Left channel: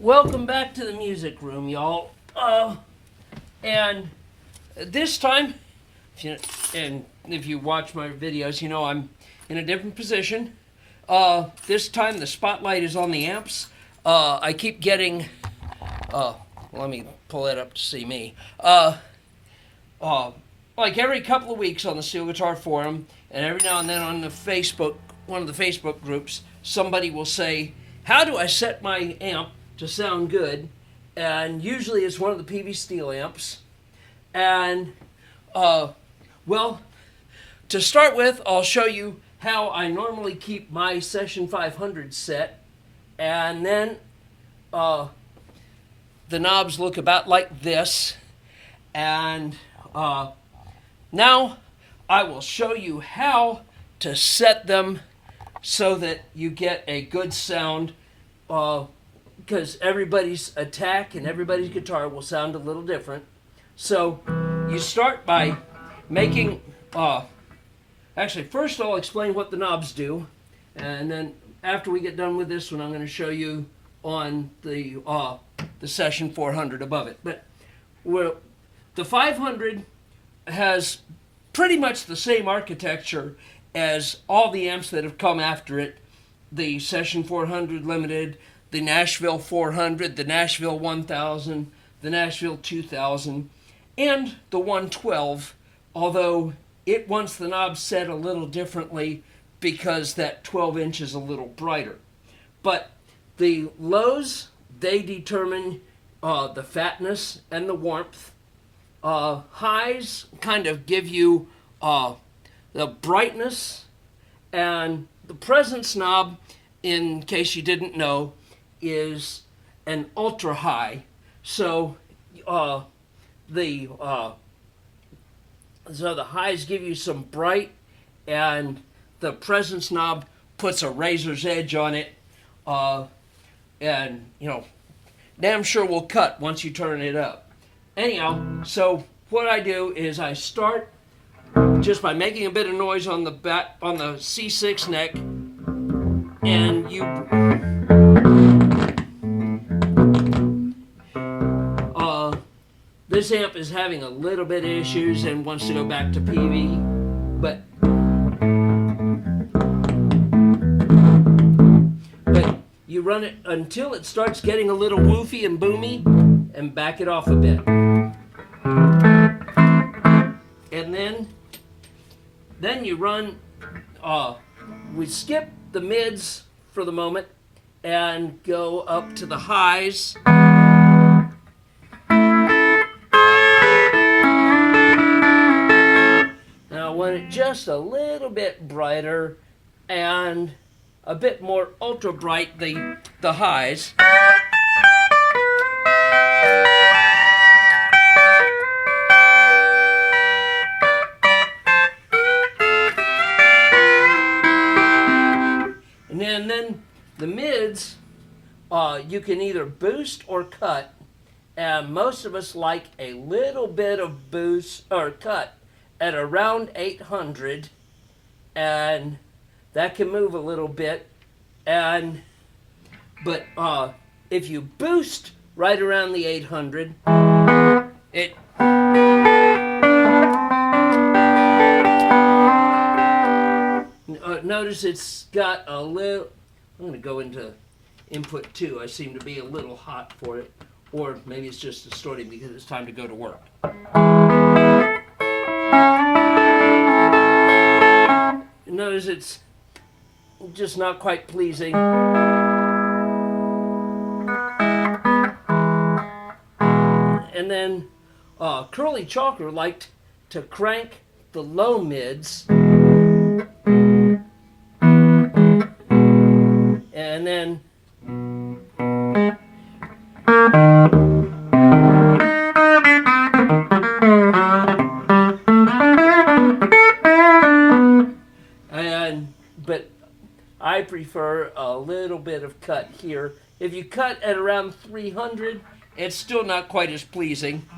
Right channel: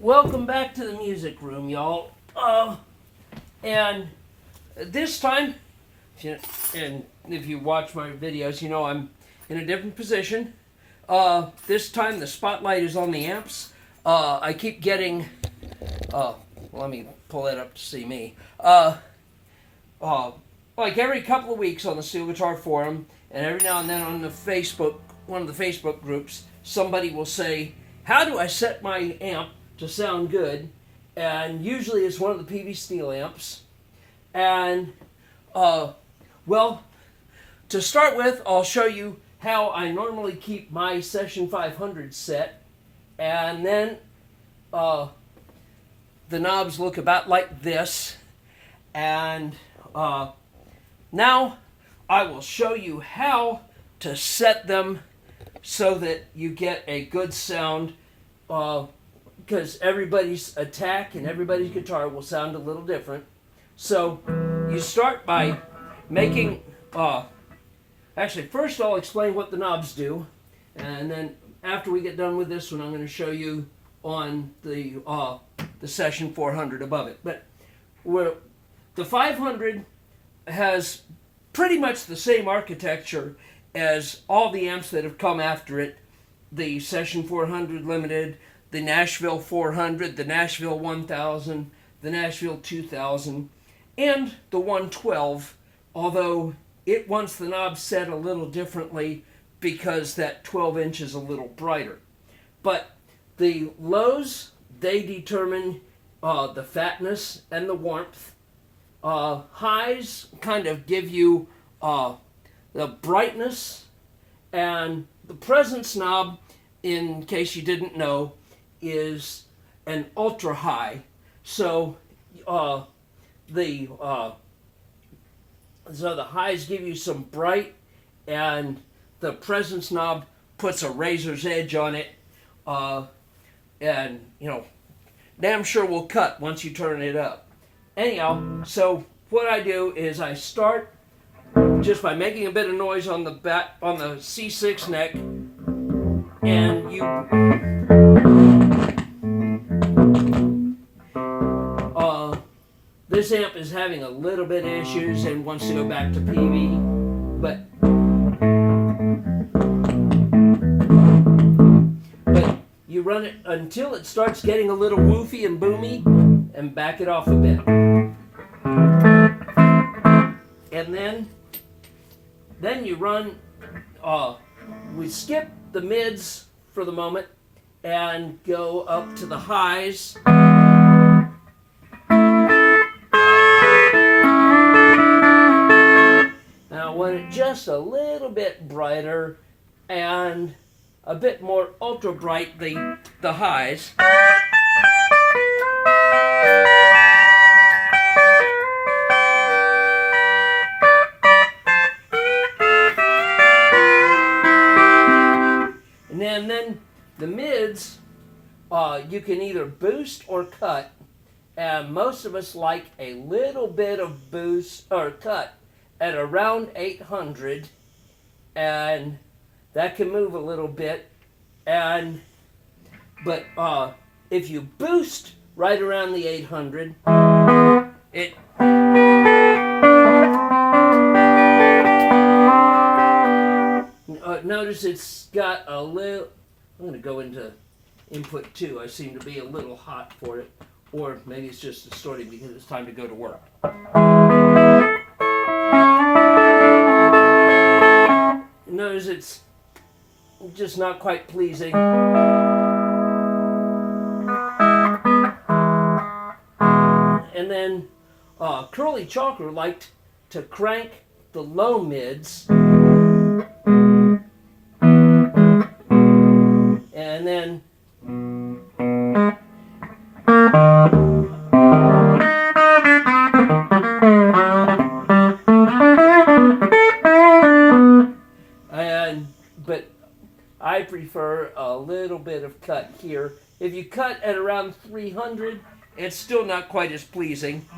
Welcome back to the music room, y'all. And this time, and if you watch my videos, you know I'm in a different position. This time the spotlight is on the amps. I keep getting, let me pull it up to see me. Like every couple of weeks on the Steel Guitar Forum, and every now and then on the Facebook, one of the Facebook groups, somebody will say, how do I set my amp to sound good? And usually it's one of the Peavey steel amps. And, well, to start with, I'll show you how I normally keep my Session 500 set. And then the knobs look about like this. And now I will show you how to set them so that you get a good sound, because everybody's attack and everybody's guitar will sound a little different. So you start by making, actually first I'll explain what the knobs do, and then after we get done with this one I'm going to show you on the Session 400 above it. But the 500 has pretty much the same architecture as all the amps that have come after it. The Session 400 Limited, the Nashville 400, the Nashville 1000, the Nashville 2000, and the 112, although it wants the knob set a little differently because that 12 inch is a little brighter. But the lows, they determine the fatness and the warmth. Highs kind of give you the brightness, and the presence knob, in case you didn't know, is an ultra high. So the highs give you some bright, and the presence knob puts a razor's edge on it, and you know, damn sure will cut once you turn it up. Anyhow, so what I do is I start just by making a bit of noise on the C6 neck, and this amp is having a little bit of issues and wants to go back to Peavey, but you run it until it starts getting a little woofy and boomy, and back it off a bit. And then you run, we skip the mids for the moment and go up to the highs. Now I want it just a little bit brighter and a bit more ultra bright, the highs. And then the mids, you can either boost or cut, and most of us like a little bit of boost or cut at around 800, and that can move a little bit. But if you boost right around the 800, it notice it's got a little, I'm going to go into input 2. I seem to be a little hot for it, or maybe it's just distorting because it's time to go to work. Notice it's just not quite pleasing. And then Curly Chalker liked to crank the low mids, and then but I prefer a little bit of cut here. If you cut at around 300, it's still not quite as pleasing.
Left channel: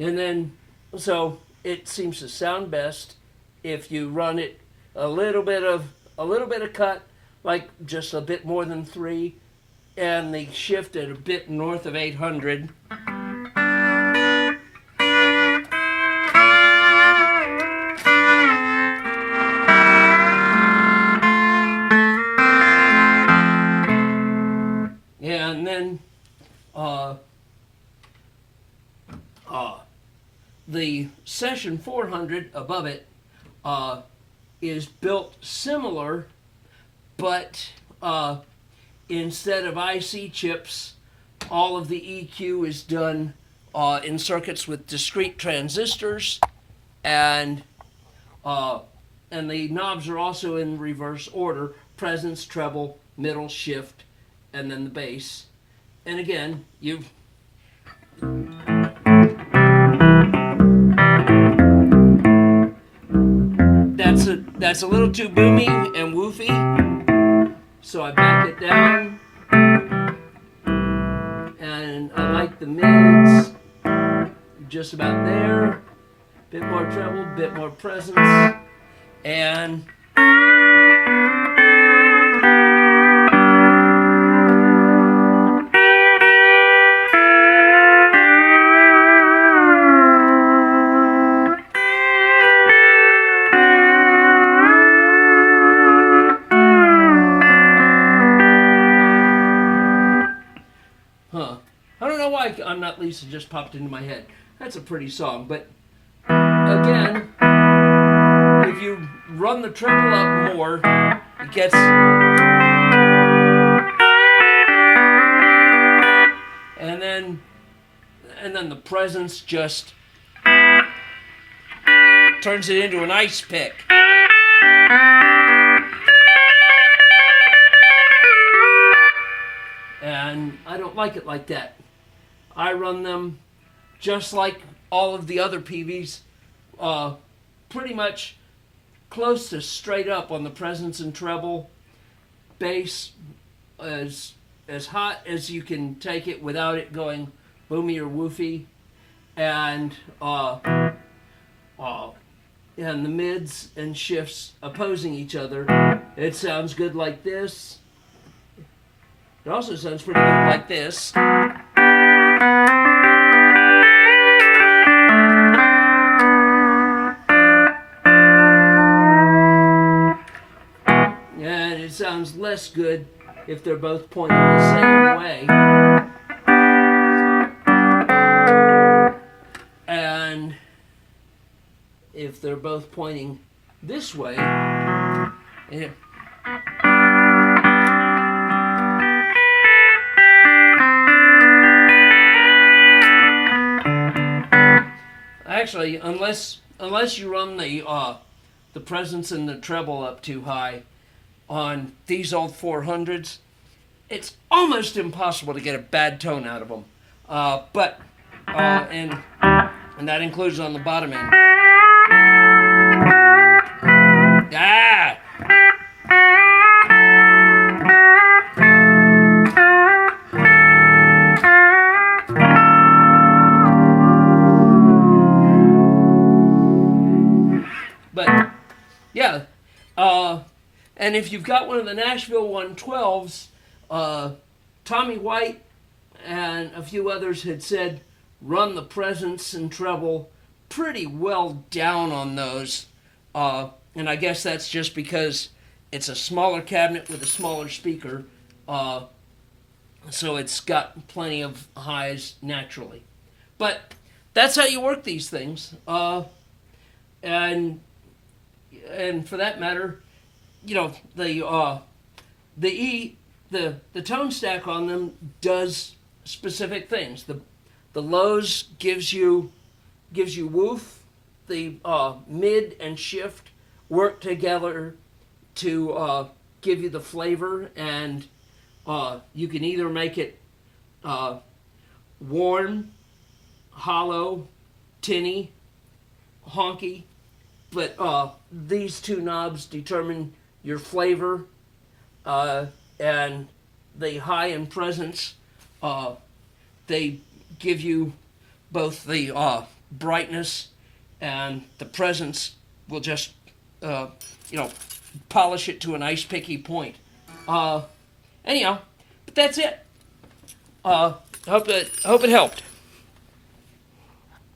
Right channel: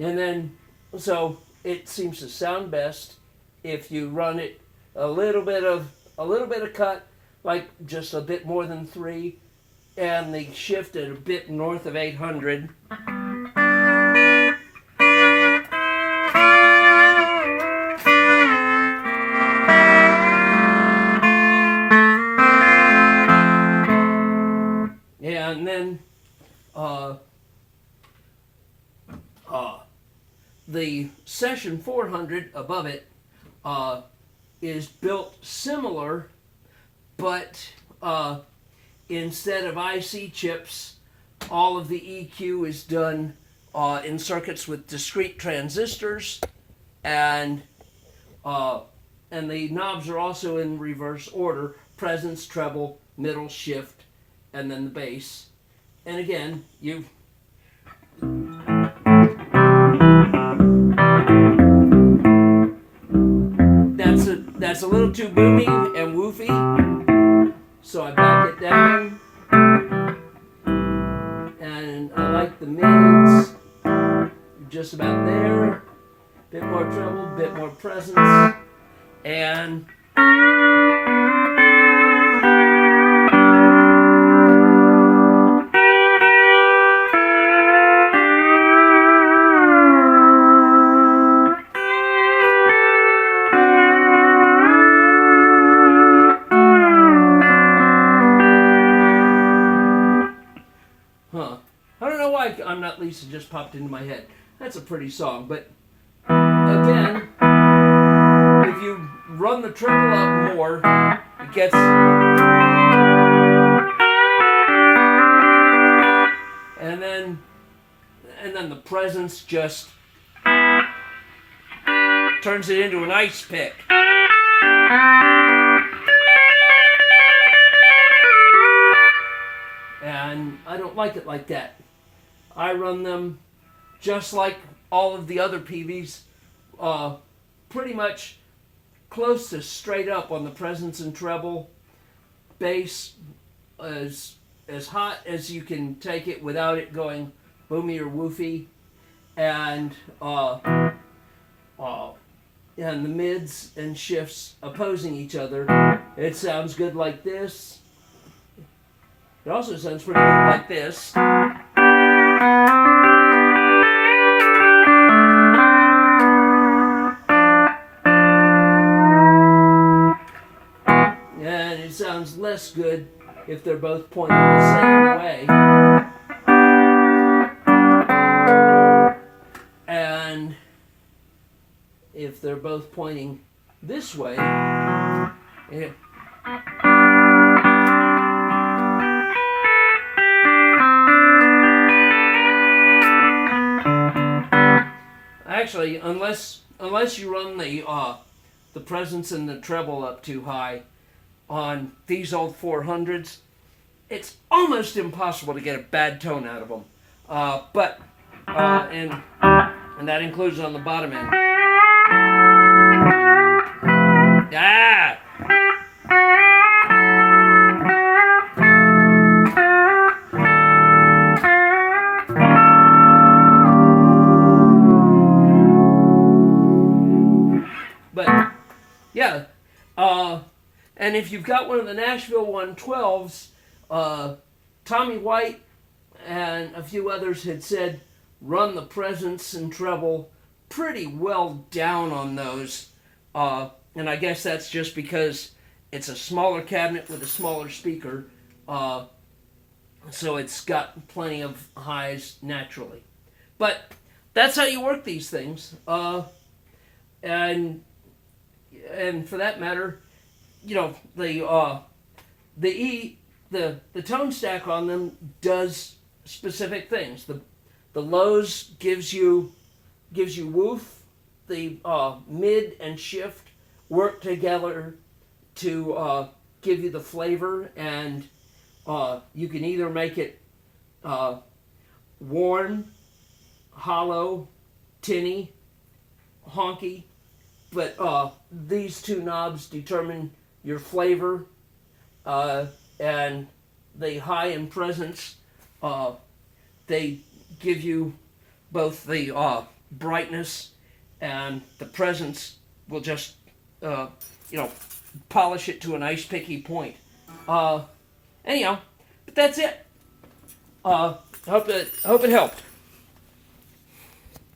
And then, so it seems to sound best if you run it a little bit of cut, like just a bit more than 3, and the shift at a bit north of 800. And then the Session 400 above it is built similar, but instead of IC chips, all of the EQ is done in circuits with discrete transistors, and the knobs are also in reverse order: presence, treble, middle, shift, and then the bass. And again, that's a little too boomy and woofy, so I back it down. And I like the mids just about there. Bit more treble, bit more presence, and I don't know why I'm Not Lisa just popped into my head. That's a pretty song, but again, if you run the treble up more, it gets, and then the presence just turns it into an ice pick. And I don't like it like that. I run them just like all of the other Peaveys, pretty much close to straight up on the presence and treble. Bass as hot as you can take it without it going boomy or woofy, and the mids and shifts opposing each other. It sounds good like this. It also sounds pretty good like this. And it sounds less good if they're both pointing the same way. And if they're both pointing this way, actually, unless you run the presence and the treble up too high on these old 400s, it's almost impossible to get a bad tone out of them. And that includes on the bottom end. Ah! But yeah, and if you've got one of the Nashville 112s, Tommy White and a few others had said run the presence and treble pretty well down on those, and I guess that's just because it's a smaller cabinet with a smaller speaker, so it's got plenty of highs naturally. But that's how you work these things, and for that matter, you know, the tone stack on them does specific things. The lows gives you woof. The mid and shift work together to give you the flavor, and you can either make it warm, hollow, tinny, honky, but these two knobs determine your flavor, and the high and presence, they give you both the brightness, and the presence will just polish it to a nice picky point. Anyhow, but that's it. Hope it helped.